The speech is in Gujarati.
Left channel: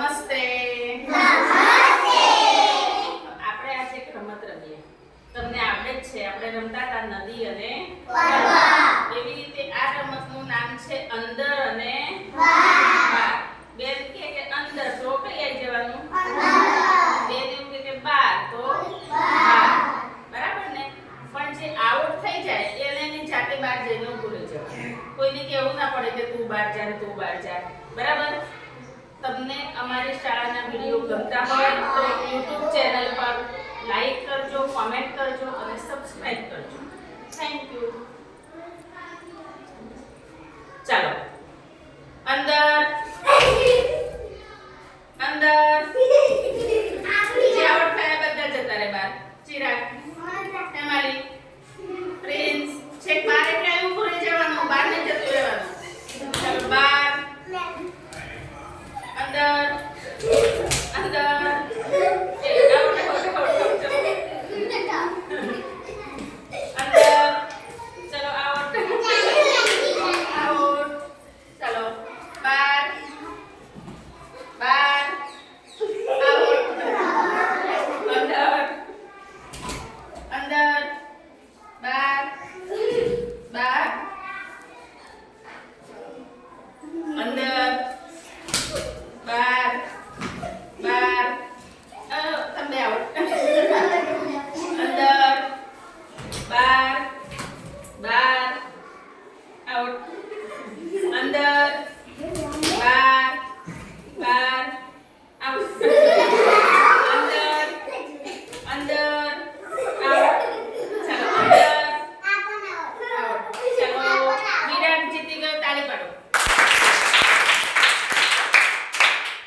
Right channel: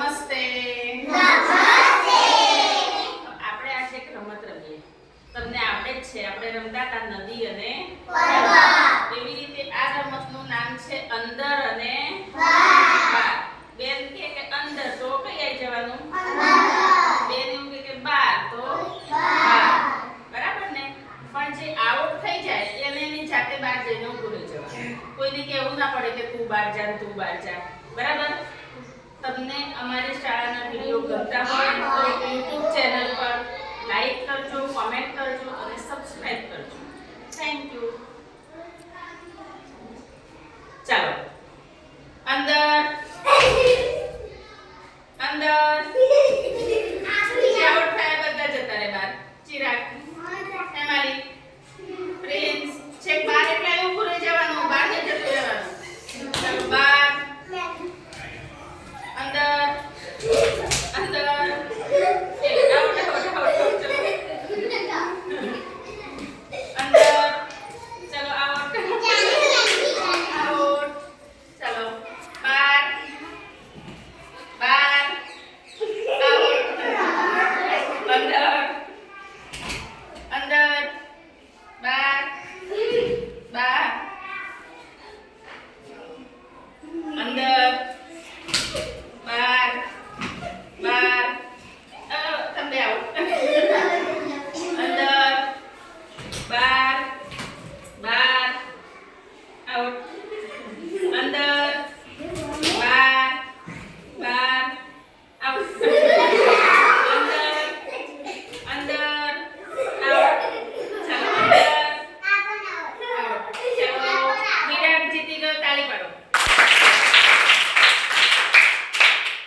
નમસ્તે. આપણે આજે એક રમત રમીએ. તમને આવડે જ છે, આપણે રમતા હતા નદી અને તળાવ. એવી રીતે આ રમતનું નામ છે અંદર અને બહાર. બેન કે અંદર તો કઈ આવી જવાનું? બેન એવું કે બહાર તો બહાર. બરાબર ને? પણ જે આઉટ થઈ જાય એને એની જાતે બહાર જઈને ઊભું રહી જવાનું. કોઈને કહેવું ના પડે કે તું બહાર જા તું બહાર જા. બરાબર? તમને અમારી શાળાના વિડીયો ગમતા હોય તો YouTube ચેનલ પર લાઈક કરજો, કોમેન્ટ કરજો અને સબસ્ક્રાઇબ કરજો. Thank you. ચાલો અંદર